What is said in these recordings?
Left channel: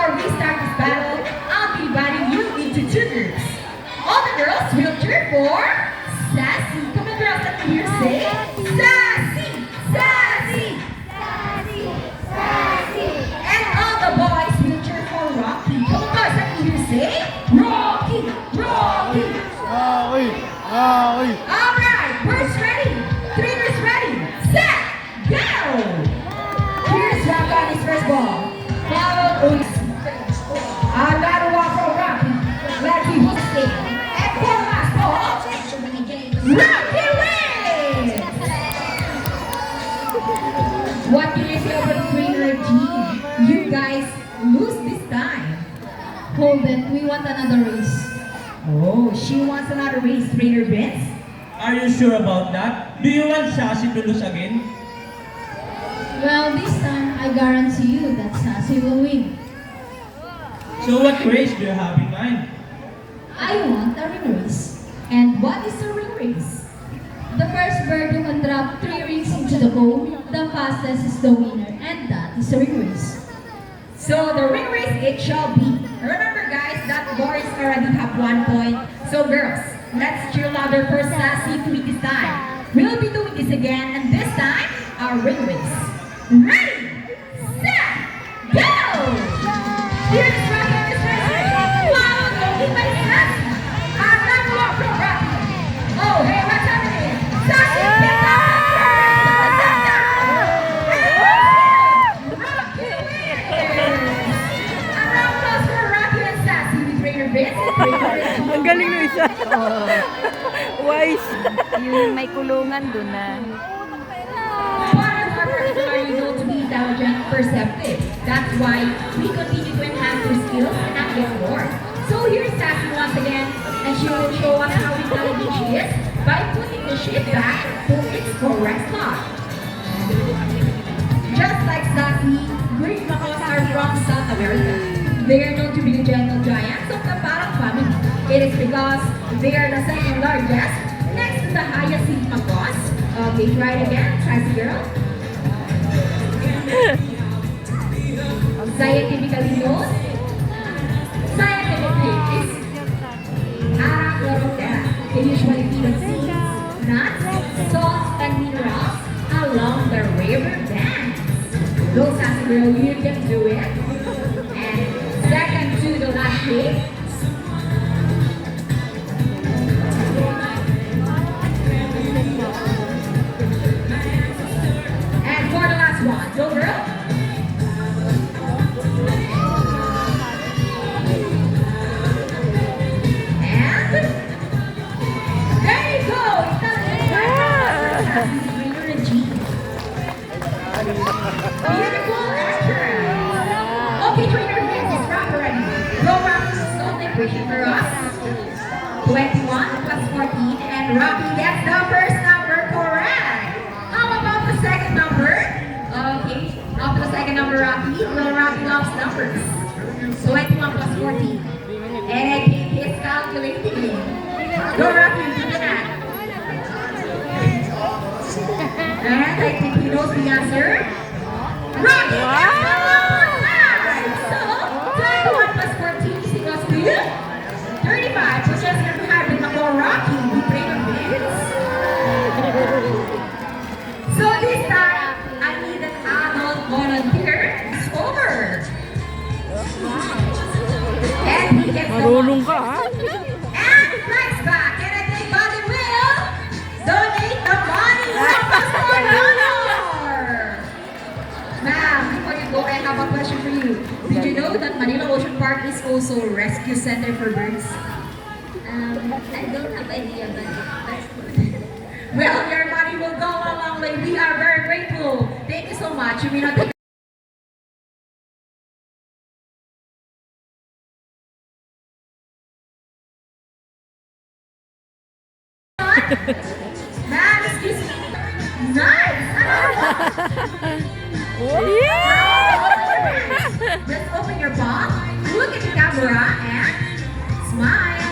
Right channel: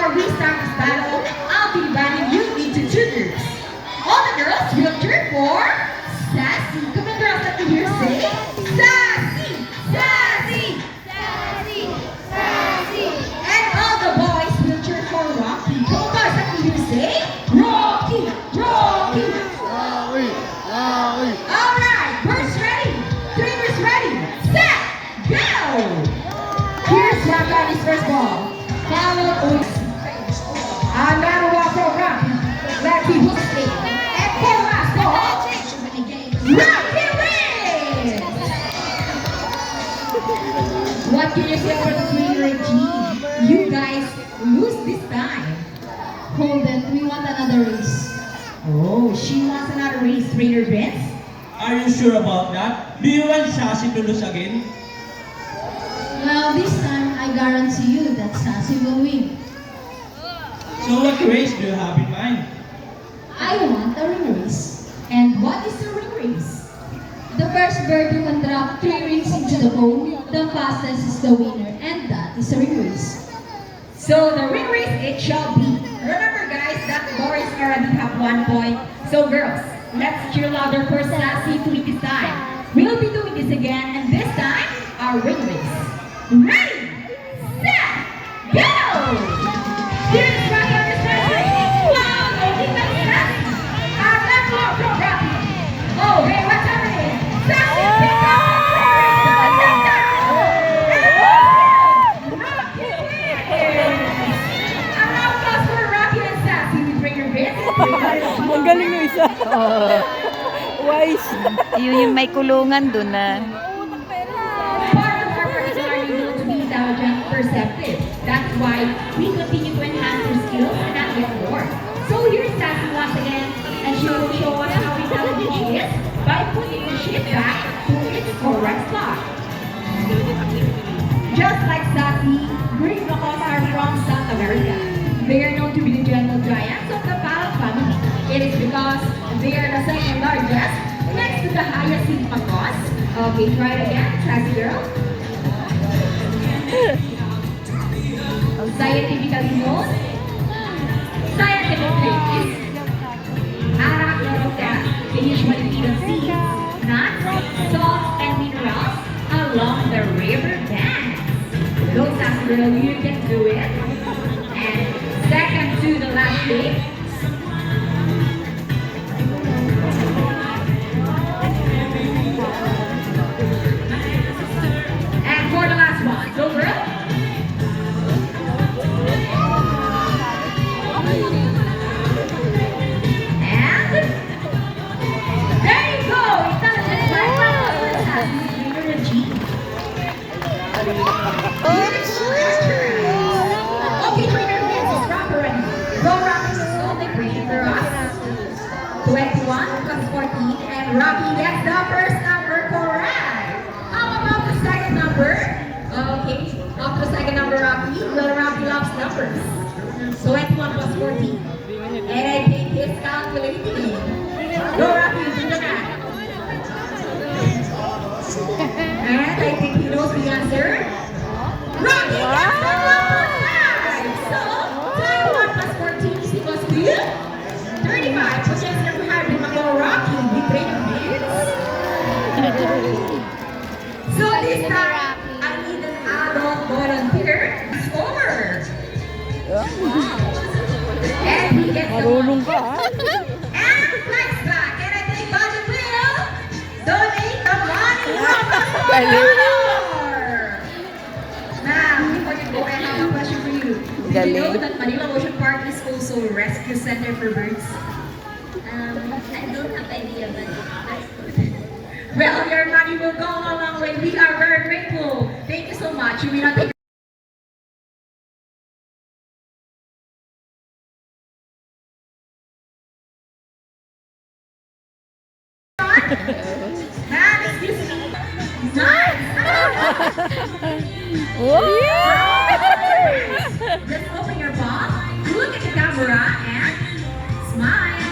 before we start this battle, I'll be dividing you into two groups. All the girls will cheer for Sassy. Come on, girls, let me hear say Sassy, Sassy, Sassy, sassy. and all the boys will cheer for Rocky. Come on, guys, let me hear say Rocky, Rocky. All right, birds ready, trainers ready, set, go. Here's Rocky on his first ball. Foul. Agarwa for Rocky. Let's see who's safe. And for last ball, Rocky wins. What can you say about the trainer team? You guys lose this time. Hold it, we want another race. Oh, she wants another race, Trainer Vince. Are you sure about that? Do you want Sassy to lose again? Well, this time I guarantee you that Sassy will win. So what race do you have in mind? I want a ring race. And what is the ring race? The first bird who can drop 3 rings into the bowl, the fastest is the winner, and that is a ring race. So the ring race it shall be. Remember guys that boys already have 1 point. So girls, let's cheer louder for Sassy to win this time. We'll be doing this again and this time, our ring race. Ready, set, go! Here's Rocky on his first ring. Wow, leading by Sassy. Agarwa from Rocky. Oh, hey, what's happening? Sassy, pick up the Rocky wins! A round of applause for Rocky and Sassy with Trainer Vince and Trainer Ang galing ng isa. Wise. Yung may kulungan dun na. Part of our curriculum, you know, to be intelligent, perceptive. That's why we continue to enhance your skills and not get bored. So here's Sassy once again, and she will show us how intelligent she is by putting the shit back to its correct spot. Just like Sassy, Greek macaws are from South America. They are known to be the gentle giants of the parrot family. It is because they are the second largest next to the hyacinth macaws. Okay, try it again, Sassy girl. Scientifically known, scientific name is Arachidoptera. They usually feed on seeds, nuts, salts, and minerals along the river banks. Go Sassy girl, you can do it. And second to the last shape. And for the last one, go girl. And there you go. Intelligent black round Sassy energy. Beautiful restaurant. Okay, Trainer Vince is wrap already. Go Rocky is only pushing for us. 21 plus 14, and Rocky gets the first number correct. How about the second number? Okay, after the second number, Rocky. Well, Rocky loves numbers. 21 plus 14. And I think he's calculating. Go Rocky, do the math. And I think he knows the answer. Rocky gets the number 5. So, 21 plus 14 is equals to 35, so just never have been more Rocky with Trainer Vince. So this time, I need an adult volunteer to score. And he gets the Marunong ka, ha? and flex back. And I think Buddy will donate the money from the score. Now, before you go, I have a question for you. Did you know that Manila Ocean Park is also a rescue center for birds? I don't have idea, but that's good. Well, your money will go a long way. We are very grateful. Thank you so much. You may not take Man, excuse me. Nice! Just open your palm, look at the camera, and smile.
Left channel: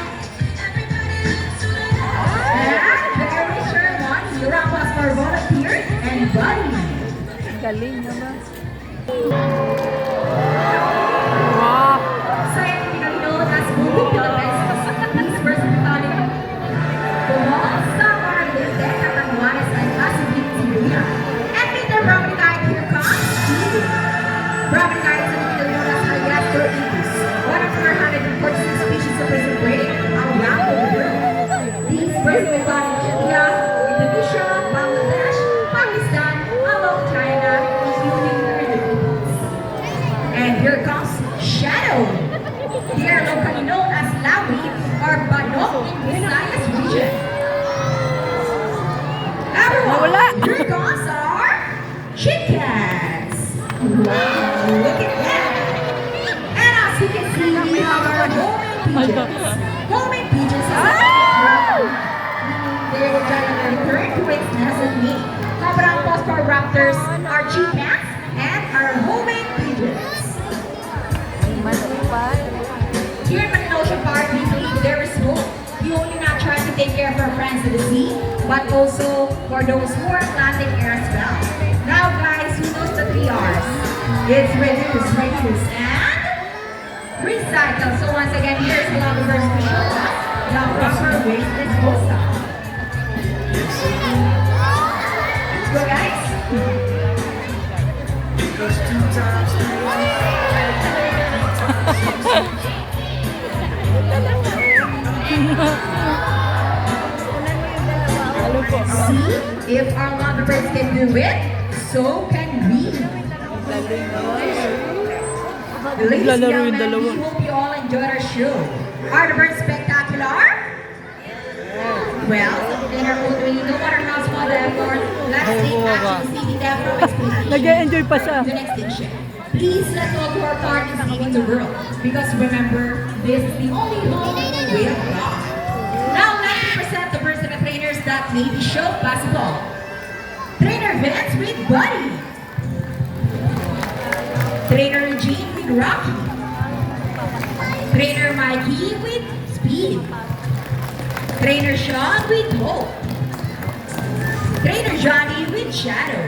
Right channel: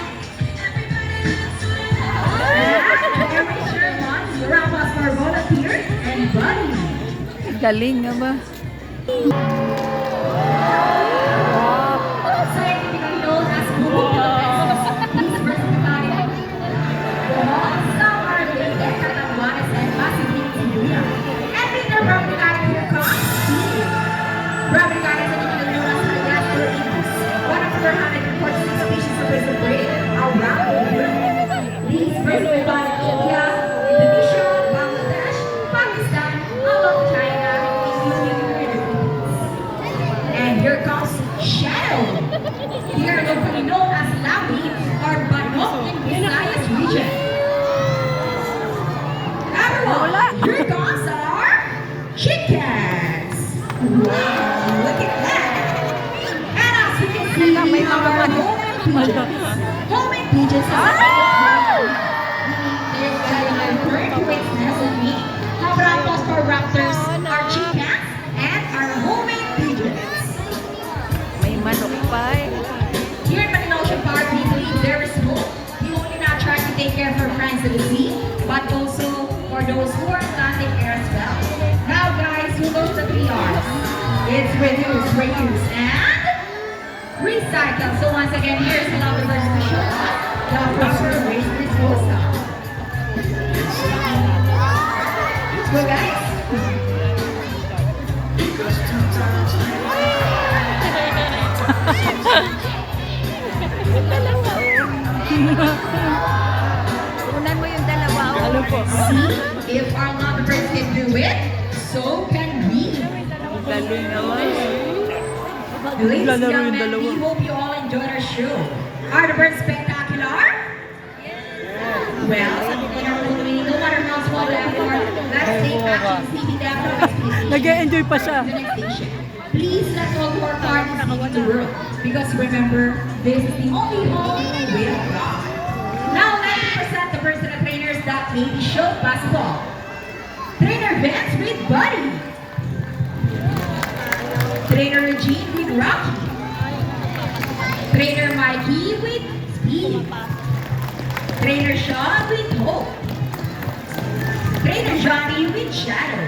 And every sure one, round applause for volunteer and buddy. Galing nga ba? Wow! pigeons. Homemade pigeons have they will try to convert to its destiny. How about applause for raptors, our chickens, and our homemade pigeons? May matibay. Here in Manila Ocean Park, we believe there is hope. We only not try to take care of our friends at the sea, but also for those who are landing here as well. Now guys, who knows the 3 R's? It's reduce, reuse, and recycle. So once again, here's the other version to show us the proper waste disposal. Let's go guys. Ano po? See, if our lovely friends can do it, so can we. Ladies and Naglalaro yung gentlemen, dalawa. we hope you all enjoyed our show. Are the birds spectacular? Well, in our country, no matter how small the effort, let's take action seeking them for expectation. Nag-e-enjoy pa siya. The next station. Please let's all do our part in saving the world. Because remember, this is the only home we'll rock. Now let's present the personal trainers that made the show possible. Trainer Vince with Buddy. Trainer Eugene with Rocky. Trainer Mikey with Speedy. Trainer Sean with Hope. Trainer Johnny with Shadow.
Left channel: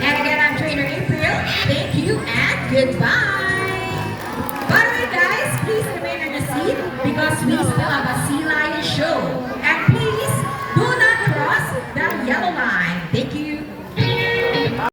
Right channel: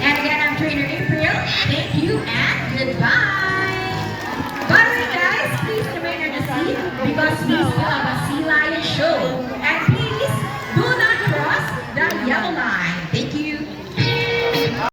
And again, I'm Trainer April. Thank you and goodbye.